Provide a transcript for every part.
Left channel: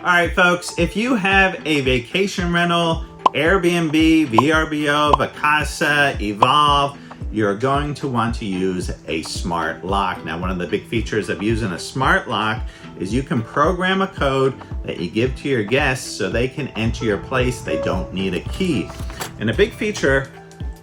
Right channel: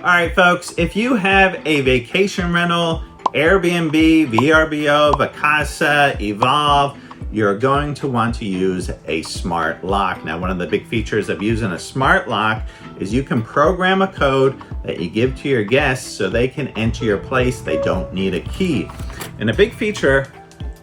All right, folks, if you have a vacation rental, Airbnb, VRBO, Vacasa, Evolve, you're going to want to use a smart lock. Now, one of the big features of using a smart lock is you can program a code that you give to your guests so they can enter your place. They don't need a key. And a big feature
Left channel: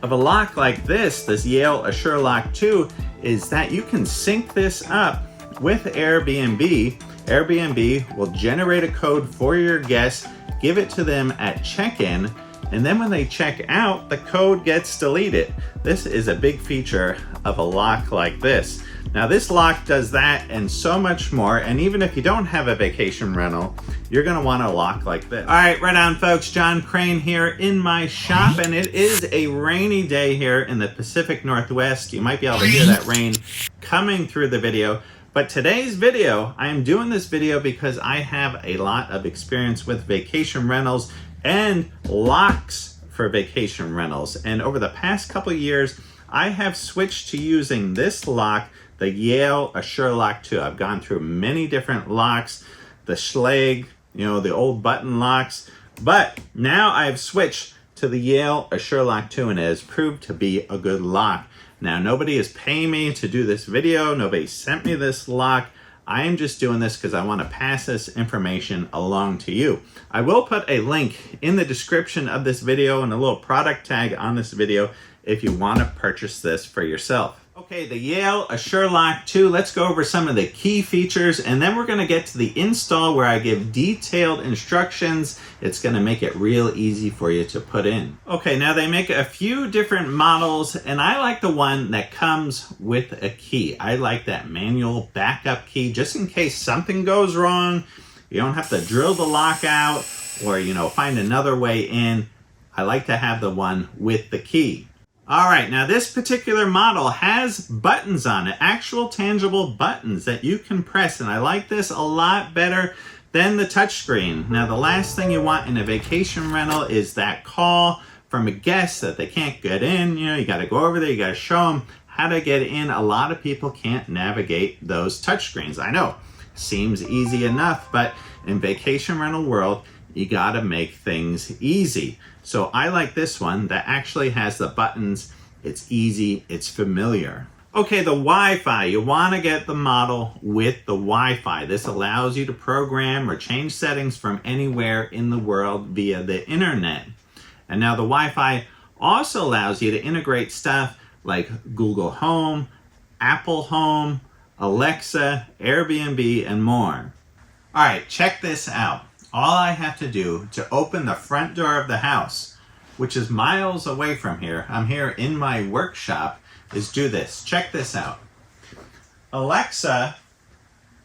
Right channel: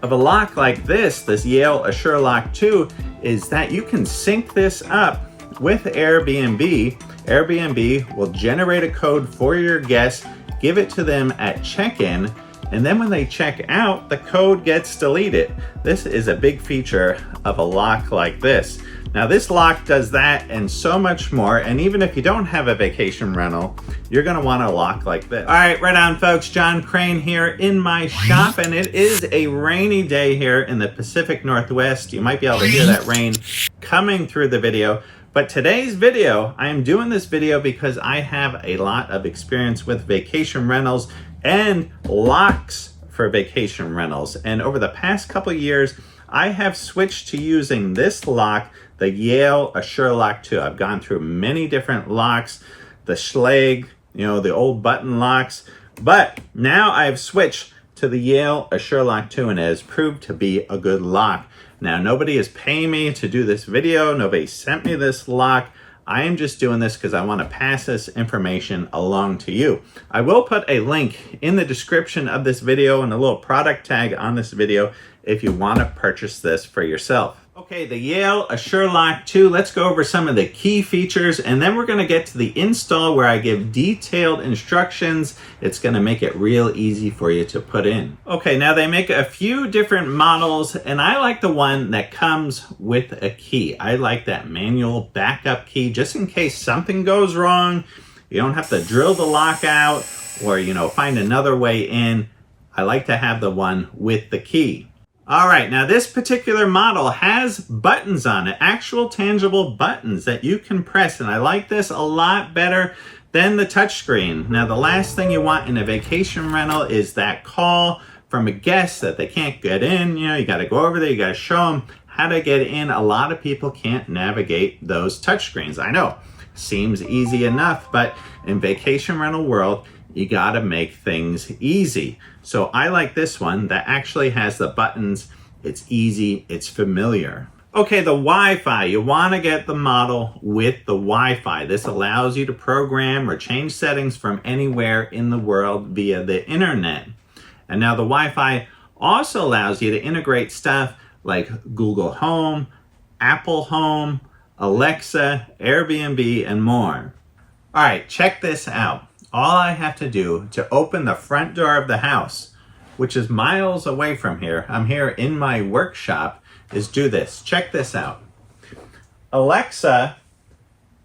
of a lock like this Yale Assure Lock 2, is that you can sync this up with Airbnb. Airbnb will generate a code for your guests, give it to them at check-in, and then when they check out, the code gets deleted. This is a big feature of a lock like this. Now, this lock does that and so much more, and even if you don't have a vacation rental, you're gonna want a lock like this. All right, right on, folks. John Crane here in my shop, and it is a rainy day here in the Pacific Northwest. You might be able to hear that rain coming through the video. But today's video, I am doing this video because I have a lot of experience with vacation rentals and locks for vacation rentals. And over the past couple of years, I have switched to using this lock, the Yale Assure Lock 2. I've gone through many different locks, the Schlage, the old button locks, but now I've switched to the Yale Assure Lock 2, and it has proved to be a good lock. Now, nobody is paying me to do this video. Nobody sent me this lock. I am just doing this because I want to pass this information along to you. I will put a link in the description of this video and a little product tag on this video if you want to purchase this for yourself. Okay, the Yale Assure Lock 2, let's go over some of the key features, and then we're going to get to the install where I give detailed instructions. It's going to make it real easy for you to put in. Okay, now they make a few different models, and I like the one that comes with a key. I like that manual backup key, just in case something goes wrong. You don't have to drill the lock out or, find another way in. I like to have the one with the key. All right, now this particular model has buttons on it, actual tangible buttons that you can press, and I like this a lot better than the touchscreen. Now, the last thing you want in a vacation rental is that call from a guest that they can't get in. You got to go over there, you got to show them how to get in. A lot of people can't navigate those touchscreens. I know, seems easy enough, but in vacation rental world, you gotta make things easy. So I like this one that actually has the buttons. It's easy, it's familiar. Okay, the Wi-Fi. You wanna get the model with the Wi-Fi. This allows you to program or change settings from anywhere in the world via the internet. And now the Wi-Fi also allows you to integrate stuff like Google Home, Apple Home, Alexa, Airbnb, and more. All right, check this out. All I have to do to open the front door of the house, which is miles away from here, I'm here in my workshop, is do this. Check this out. Alexa,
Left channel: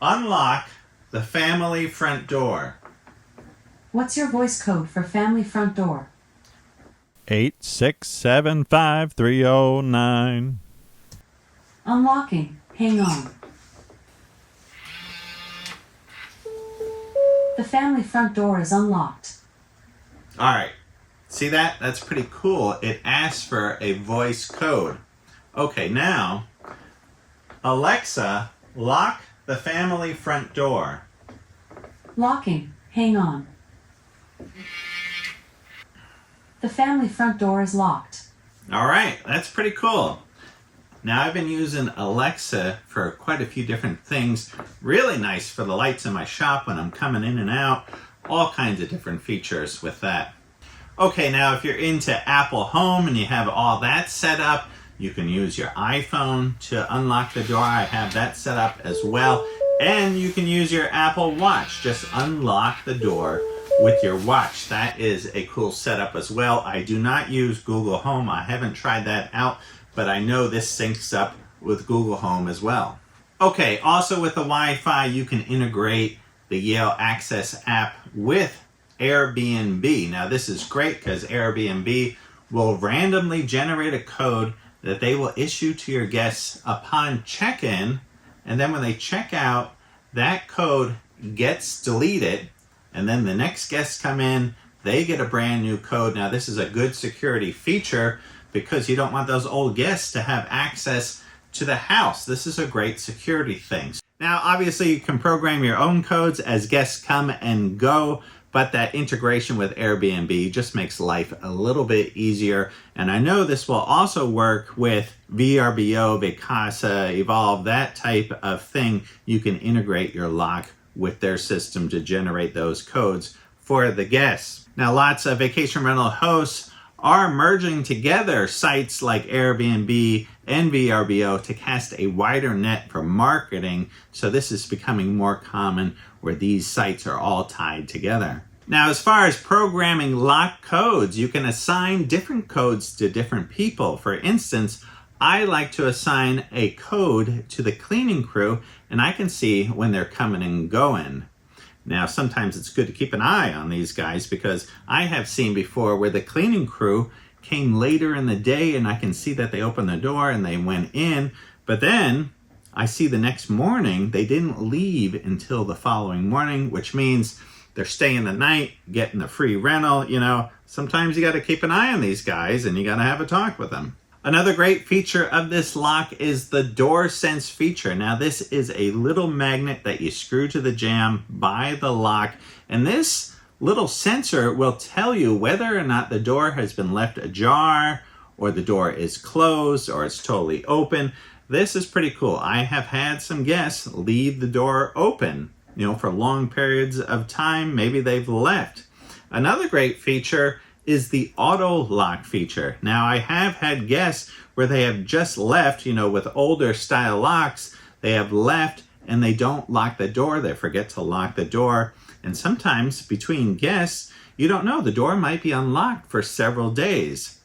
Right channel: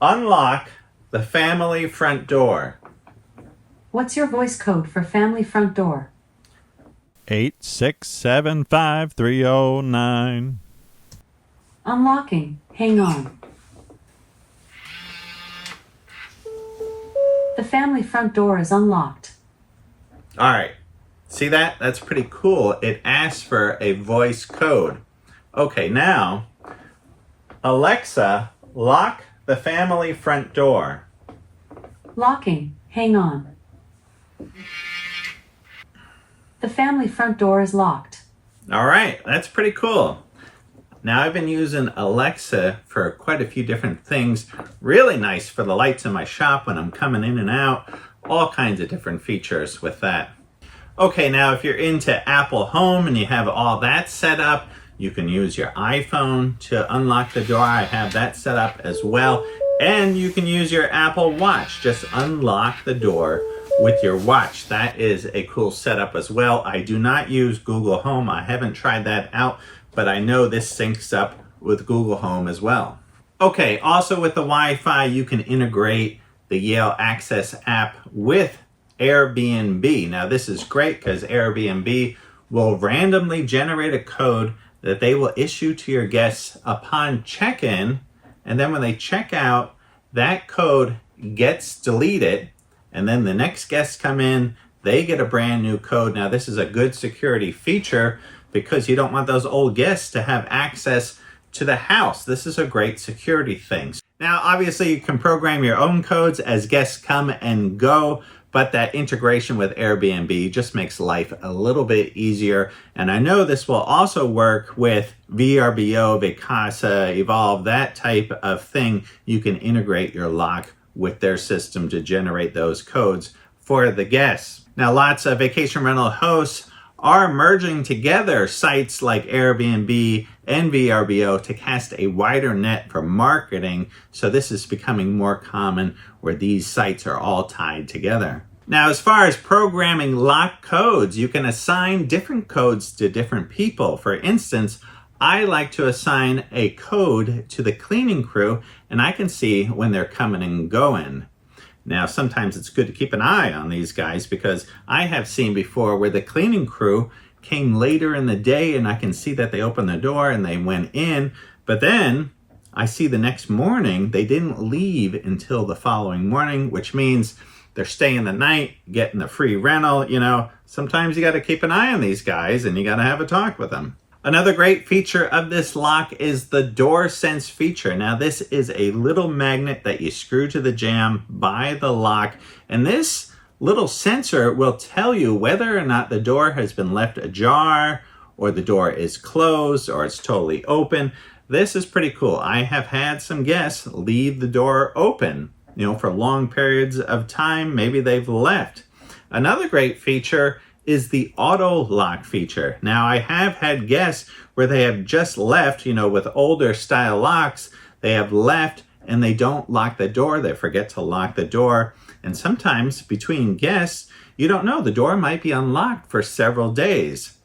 unlock the family front door. What's your voice code for family front door? 8675309. Unlocking. Hang on. The family front door is unlocked. All right, see that? That's pretty cool. It asks for a voice code. Okay, now, Alexa, lock the family front door. Locking. Hang on. The family front door is locked. All right, that's pretty cool. Now, I've been using Alexa for quite a few different things. Really nice for the lights in my shop when I'm coming in and out. All kinds of different features with that. Okay, now if you're into Apple Home and you have all that set up, you can use your iPhone to unlock the door. I have that set up as well. And you can use your Apple Watch. Just unlock the door with your watch. That is a cool setup as well. I do not use Google Home. I haven't tried that out, but I know this syncs up with Google Home as well. Okay, also with the Wi-Fi, you can integrate the Yale Access app with Airbnb. Now, this is great because Airbnb will randomly generate a code that they will issue to your guests upon check-in, and then when they check out, that code gets deleted, and then the next guests come in, they get a brand new code. Now, this is a good security feature because you don't want those old guests to have access to the house. This is a great security thing. Now, obviously, you can program your own codes as guests come and go, but that integration with Airbnb just makes life a little bit easier. And I know this will also work with VRBO, Vacasa, Evolve, that type of thing. You can integrate your lock with their system to generate those codes for the guests. Now, lots of vacation rental hosts are merging together sites like Airbnb and VRBO to cast a wider net for marketing. So this is becoming more common where these sites are all tied together. Now, as far as programming lock codes, you can assign different codes to different people. For instance, I like to assign a code to the cleaning crew, and I can see when they're coming and going. Now, sometimes it's good to keep an eye on these guys because I have seen before where the cleaning crew came later in the day and I can see that they opened the door and they went in, but then I see the next morning they didn't leave until the following morning, which means they're staying the night, getting the free rental. You know, sometimes you got to keep an eye on these guys and you got to have a talk with them. Another great feature of this lock is the door sense feature. Now, this is a little magnet that you screw to the jamb by the lock, and this little sensor will tell you whether or not the door has been left ajar, or the door is closed, or it's totally open. This is pretty cool. I have had some guests leave the door open, you know, for long periods of time. Maybe they've left. Another great feature is the auto lock feature. Now, I have had guests where they have just left, you know, with older style locks, they have left and they don't lock the door. They forget to lock the door. And sometimes between guests, you don't know, the door might be unlocked for several days.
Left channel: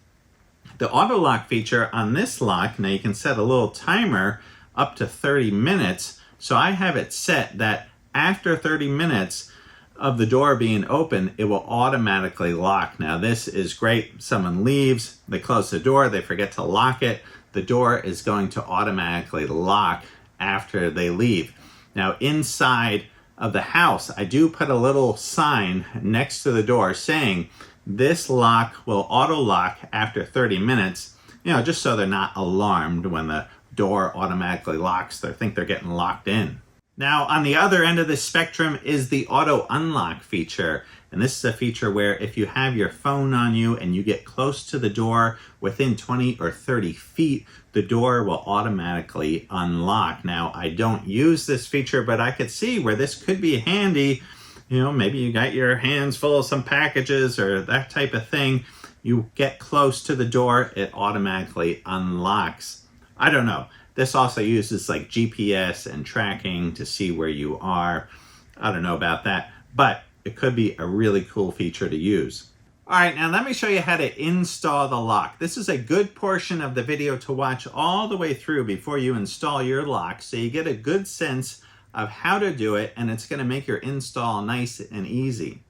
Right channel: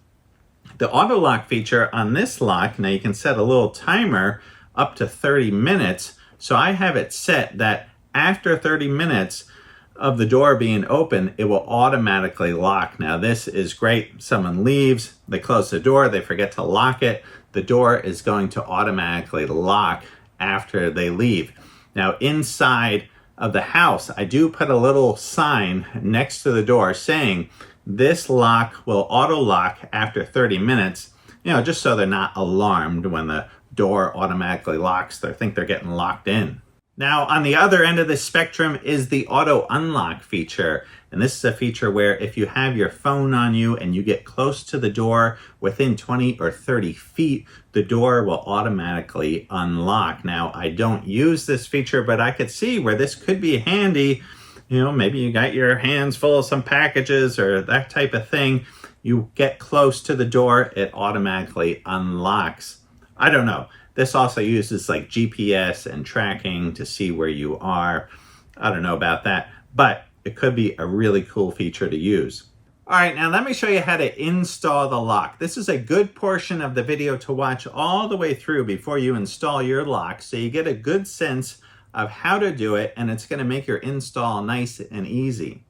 The auto lock feature on this lock, now you can set a little timer up to 30 minutes. So I have it set that after 30 minutes of the door being open, it will automatically lock. Now, this is great. Someone leaves, they close the door, they forget to lock it. The door is going to automatically lock after they leave. Now, inside of the house, I do put a little sign next to the door saying this lock will auto lock after 30 minutes, you know, just so they're not alarmed when the door automatically locks. They think they're getting locked in. Now, on the other end of the spectrum is the auto unlock feature. And this is a feature where if you have your phone on you and you get close to the door within 20 or 30 feet, the door will automatically unlock. Now, I don't use this feature, but I could see where this could be handy. You know, maybe you got your hands full of some packages or that type of thing. You get close to the door, it automatically unlocks. I don't know. This also uses like GPS and tracking to see where you are. I don't know about that, but it could be a really cool feature to use. All right, now let me show you how to install the lock. This is a good portion of the video to watch all the way through before you install your lock, so you get a good sense of how to do it, and it's gonna make your install nice and easy.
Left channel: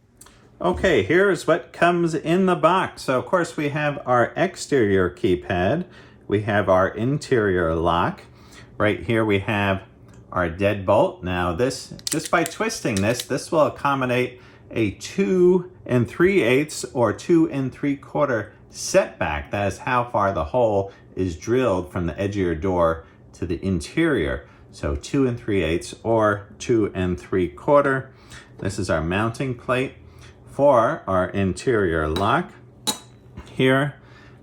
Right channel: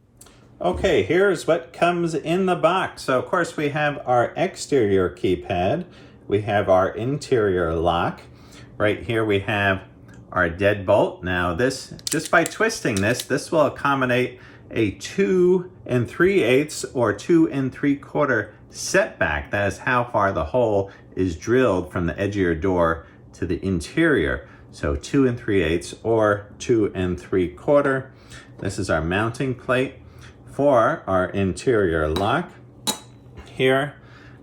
Okay, here's what comes in the box. So of course we have our exterior keypad. We have our interior lock. Right here we have our deadbolt. Now this, just by twisting this will accommodate a 2 3/8 or 2 3/4 setback. That is how far the hole is drilled from the edge of your door to the interior. So 2 3/8 or 2 3/4. This is our mounting plate for our interior lock. Here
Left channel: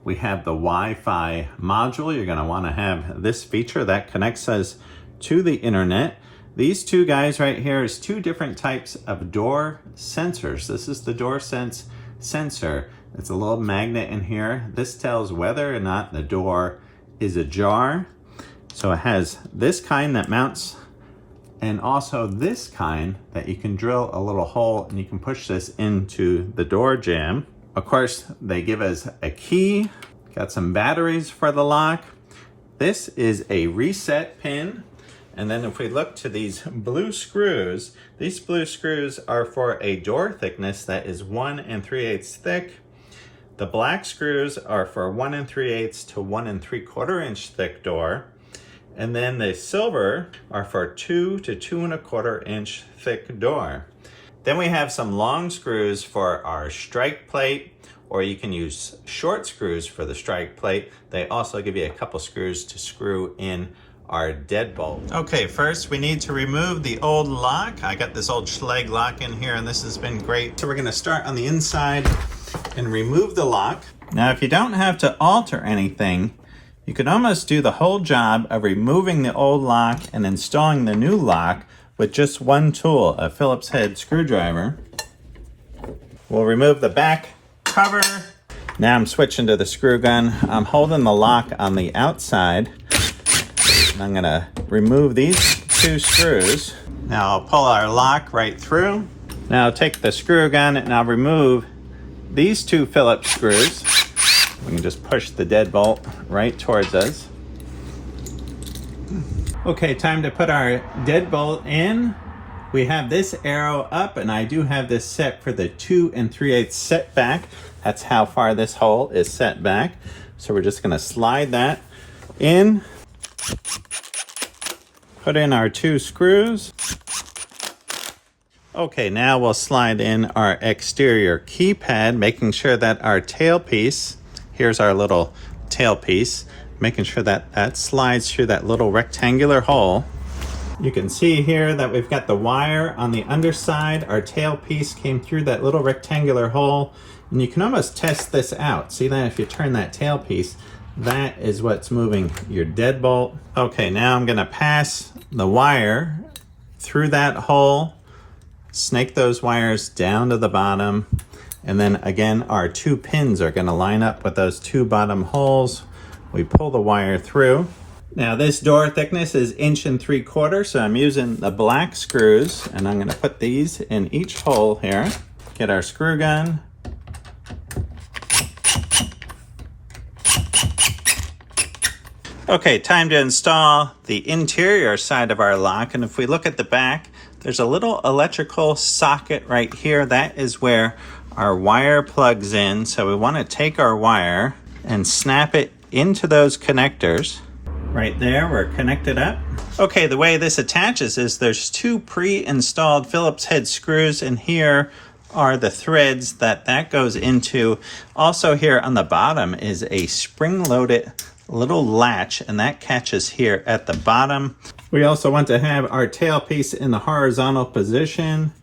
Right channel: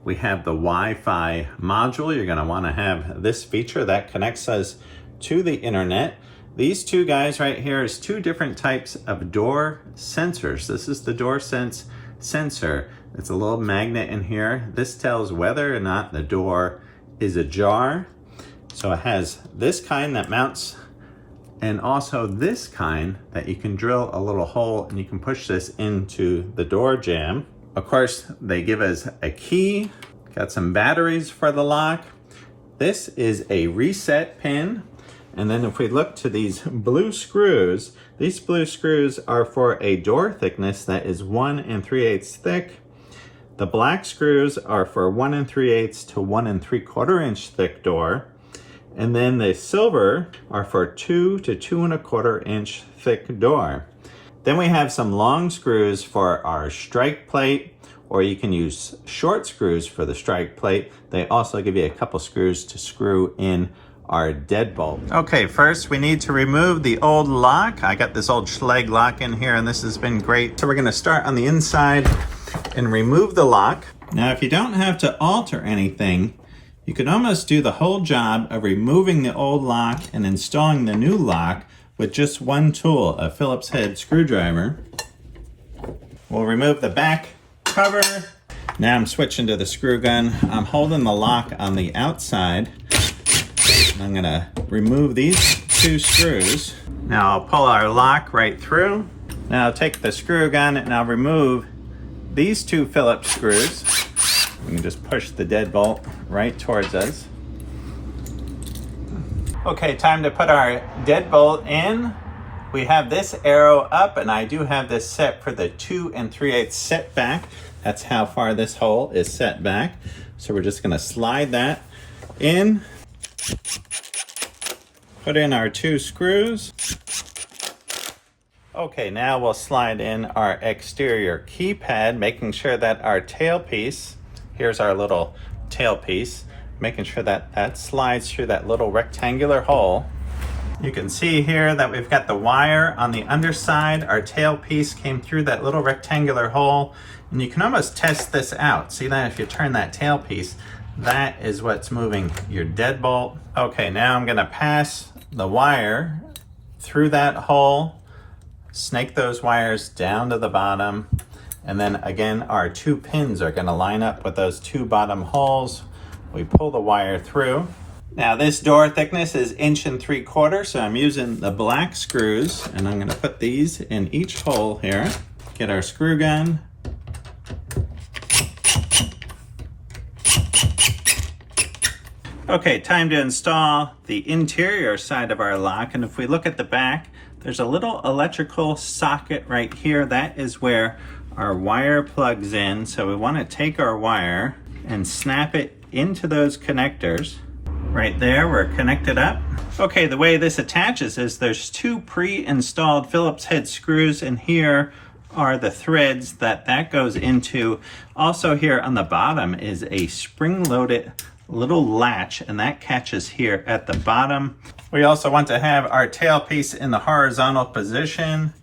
we have the Wi-Fi module. You're gonna wanna have this feature that connects us to the internet. These two guys right here is two different types of door sensors. This is the door sense sensor. It's a little magnet in here. This tells whether or not the door is ajar. So it has this kind that mounts, and also this kind that you can drill a little hole and you can push this into the door jamb. Of course, they give us a key, got some batteries for the lock. This is a reset pin. And then if we look to these blue screws, these blue screws are for a door thickness that is 1 3/8 thick. The black screws are for 1 3/8 to 1 3/4 inch thick door. And then the silver are for 2 to 2 1/4 inch thick door. Then we have some long screws for our strike plate, or you can use short screws for the strike plate. They also give you a couple screws to screw in our deadbolt. Okay, first we need to remove the old lock. I got this old Schlage lock in here and this has been great. So we're gonna start on the inside and remove the lock. Now, if you don't have to alter anything, you could almost do the whole job of removing the old lock and installing the new lock with just one tool, a Phillips head screwdriver. We'll remove the back cover. Now I'm switching to the screw gun. I'm holding the lock on the outside. And I'm gonna remove these two screws. Now I'll pull our lock right through. Now I'll take the screw gun and I'll remove these two Phillips screws. We can just push the deadbolt right towards us. Okay, time to put our deadbolt in. We have this arrow up and I do have this set for the 2 3/8 set back. That's how far this hole is set back. So we're just gonna slide that in. Put in our 2 screws. Okay, now we'll slide in our exterior keypad, making sure that our tailpiece, here's our little tailpiece, making sure that that slides through that little rectangular hole. You can see here that we've got the wire on the underside. Our tailpiece came through that little rectangular hole, and you can almost test this out. See that if you turn that tailpiece, that is what's moving your deadbolt. Okay, now I'm gonna pass the wire through that hole, snake those wires down to the bottom, and then again, our 2 pins are gonna line up with those 2 bottom holes. We pull the wire through. Now this door thickness is 1 3/4, so I'm using the black screws, and I'm gonna put these in each hole here. Get our screw gun. Okay, time to install the interior side of our lock, and if we look at the back, there's a little electrical socket right here. That is where our wire plugs in, so we wanna take our wire and snap it into those connectors. Right there, we're connected up. Okay, the way this attaches is there's 2 pre-installed Phillips head screws, and here are the threads that goes into. Also here on the bottom is a spring-loaded little latch, and that catches here at the bottom. We also want to have our tailpiece in the horizontal position,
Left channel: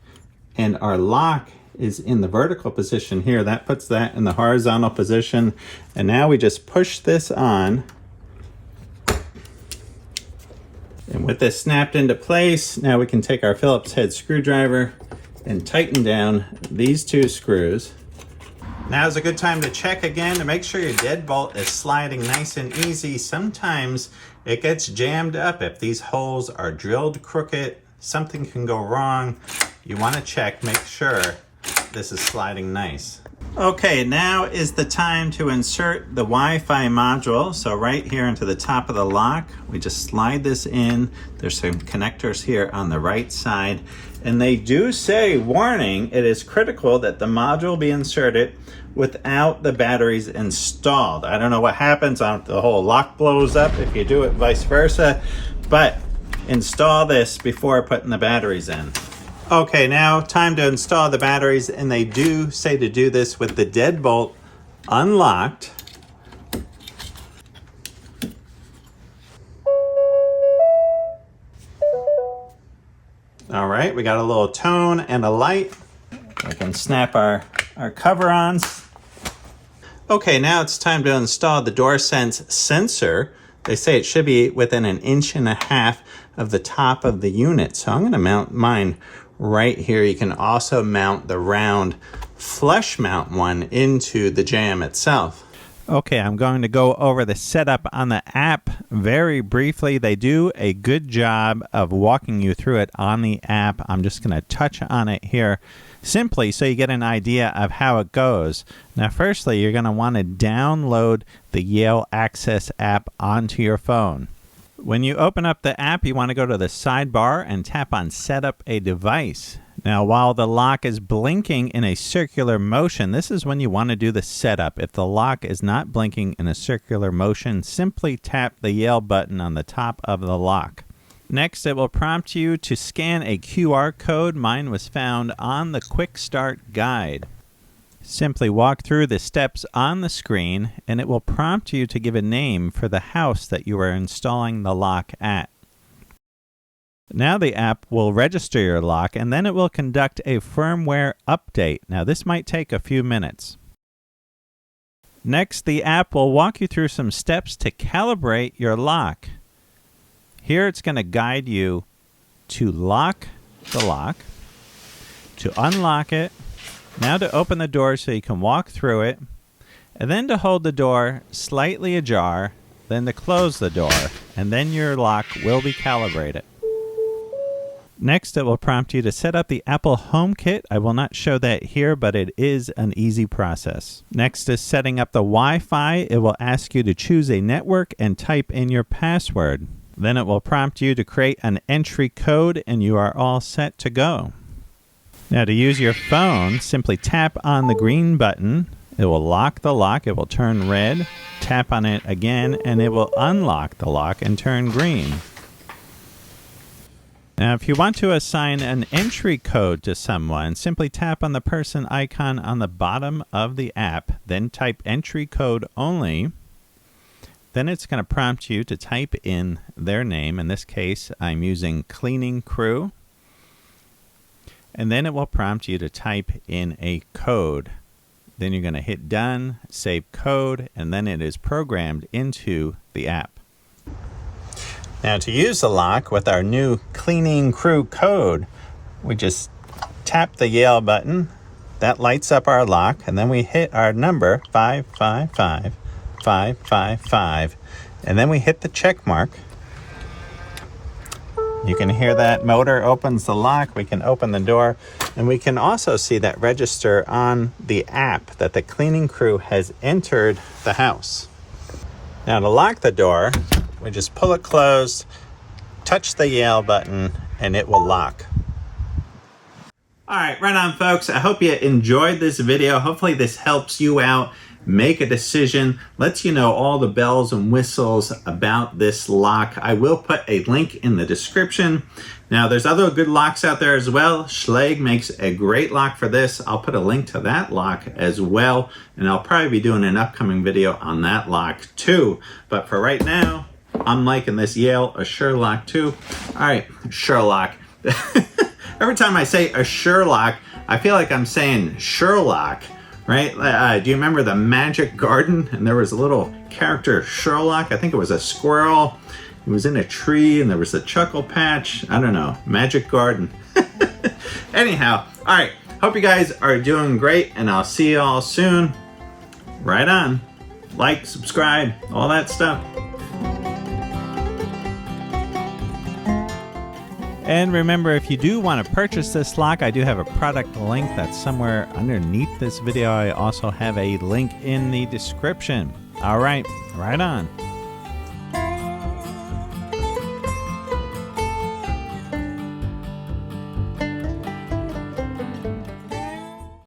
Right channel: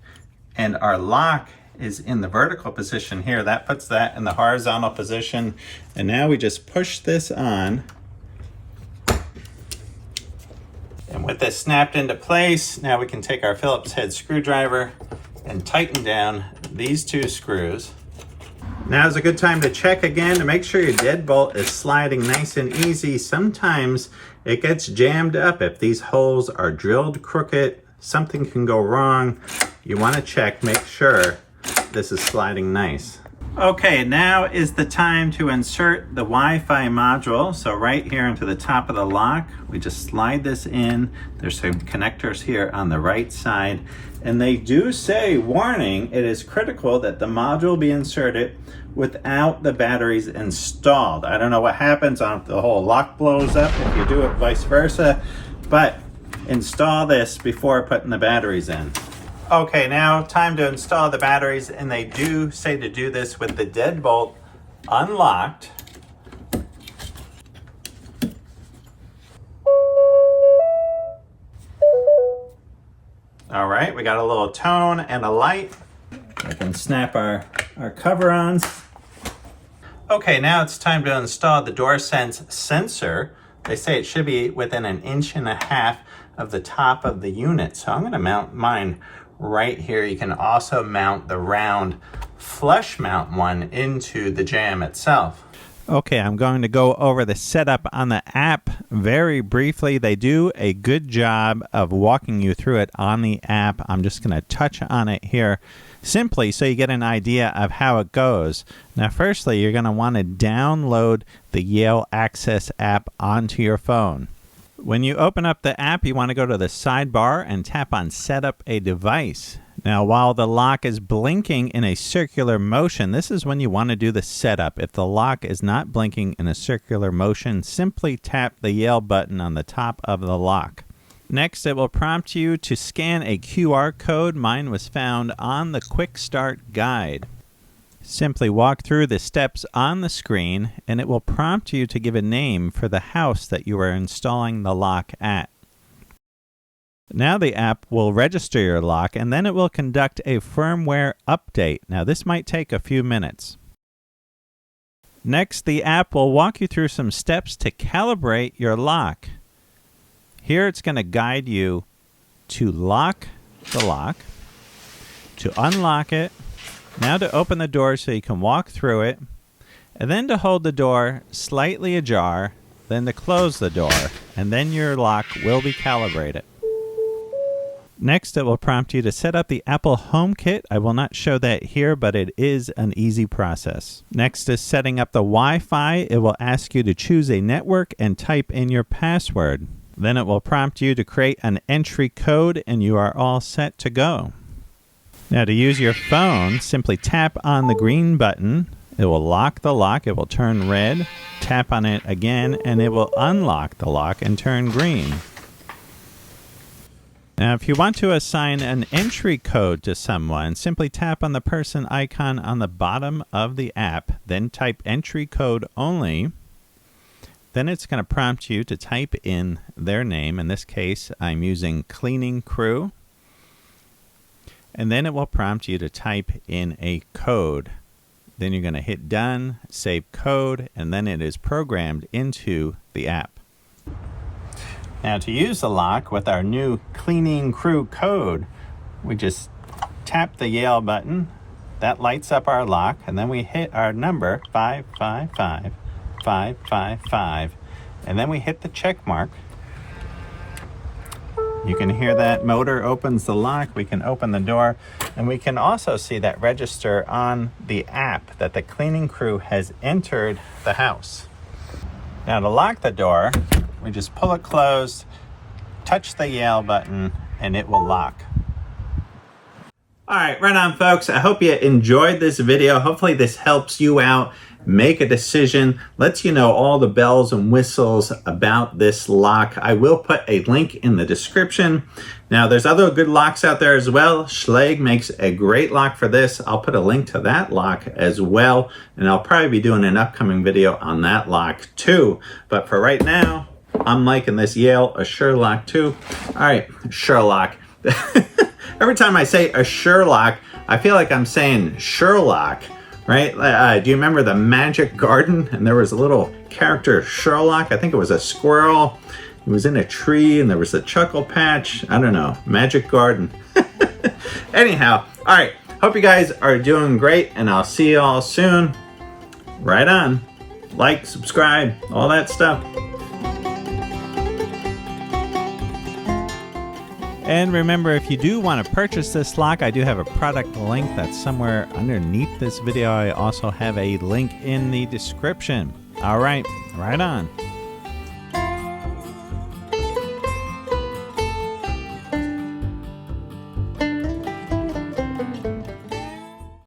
and our lock is in the vertical position here. That puts that in the horizontal position. And now we just push this on. And with this snapped into place, now we can take our Phillips head screwdriver and tighten down these 2 screws. Now's a good time to check again to make sure your deadbolt is sliding nice and easy. Sometimes it gets jammed up. If these holes are drilled crooked, something can go wrong. You want to check, make sure this is sliding nice. Okay, now is the time to insert the Wi-Fi module. So right here into the top of the lock, we just slide this in. There's some connectors here on the right side. And they do say, warning, it is critical that the module be inserted without the batteries installed. I don't know what happens, the whole lock blows up if you do it vice versa, but install this before putting the batteries in. Okay, now time to install the batteries, and they do say to do this with the deadbolt unlocked. All right, we got a little tone and a light. We can snap our cover-ons. Okay, now it's time to install the DoorSense sensor. They say it should be within 1.5 inches of the top of the unit. So I'm gonna mount mine right here. You can also mount the round flush mount one into the jamb itself. Okay, I'm going to go over the setup on the app very briefly. They do a good job of walking you through it on the app. I'm just going to touch on it here simply so you get an idea of how it goes. Now, firstly, you're going to want to download the Yale Access app onto your phone. When you open up the app, you want to go to the sidebar and tap on Set up a device. Now, while the lock is blinking in a circular motion, this is when you want to do the setup. If the lock is not blinking in a circular motion, simply tap the Yale button on the top of the lock. Next, it will prompt you to scan a QR code. Mine was found on the Quick Start Guide. Simply walk through the steps on the screen and it will prompt you to give a name for the house that you are installing the lock at. Now the app will register your lock and then it will conduct a firmware update. Now this might take a few minutes. Next, the app will walk you through some steps to calibrate your lock. Here it's going to guide you to lock the lock, to unlock it, now to open the door so you can walk through it, and then to hold the door slightly ajar, then to close the door, and then your lock will be calibrated. Next, it will prompt you to set up the Apple HomeKit. I will not show that here, but it is an easy process. Next is setting up the Wi-Fi. It will ask you to choose a network and type in your password. Then it will prompt you to create an entry code, and you are all set to go. Now, to use your phone, simply tap on the green button. It will lock the lock. It will turn red. Tap on it again, and it will unlock the lock and turn green. Now, if you want to assign an entry code to someone, simply tap on the person icon on the bottom of the app, then type entry code only. Then it's going to prompt you to type in their name. In this case, I'm using cleaning crew. And then it will prompt you to type in a code. Then you're going to hit done, save code, and then it is programmed into the app. Now, to use the lock with our new cleaning crew code, we just tap the Yale button. That lights up our lock, and then we hit our number 555555, and then we hit the check mark. You can hear that motor opens the lock. We can open the door, and we can also see that register on the app that the cleaning crew has entered the house. Now, to lock the door, we just pull it closed, touch the Yale button, and it will lock. All right, right on, folks. I hope you enjoyed this video. Hopefully this helps you out make a decision, lets you know all the bells and whistles about this lock. I will put a link in the description. Now, there's other good locks out there as well. Schlage makes a great lock for this. I'll put a link to that lock as well, and I'll probably be doing an upcoming video on that lock too. But for right now, I'm liking this Yale Assure Lock too. All right, Sherlock. Every time I say Assure Lock, I feel like I'm saying Sherlock, right? Do you remember the Magic Garden? And there was a little character, Sherlock. I think it was a squirrel. He was in a tree and there was a chuckle patch. I don't know, Magic Garden. Anyhow, all right. Hope you guys are doing great, and I'll see you all soon. Right on. Like, subscribe, all that stuff. And remember, if you do want to purchase this lock, I do have a product link that's somewhere underneath this video. I also have a link in the description. All right, right on.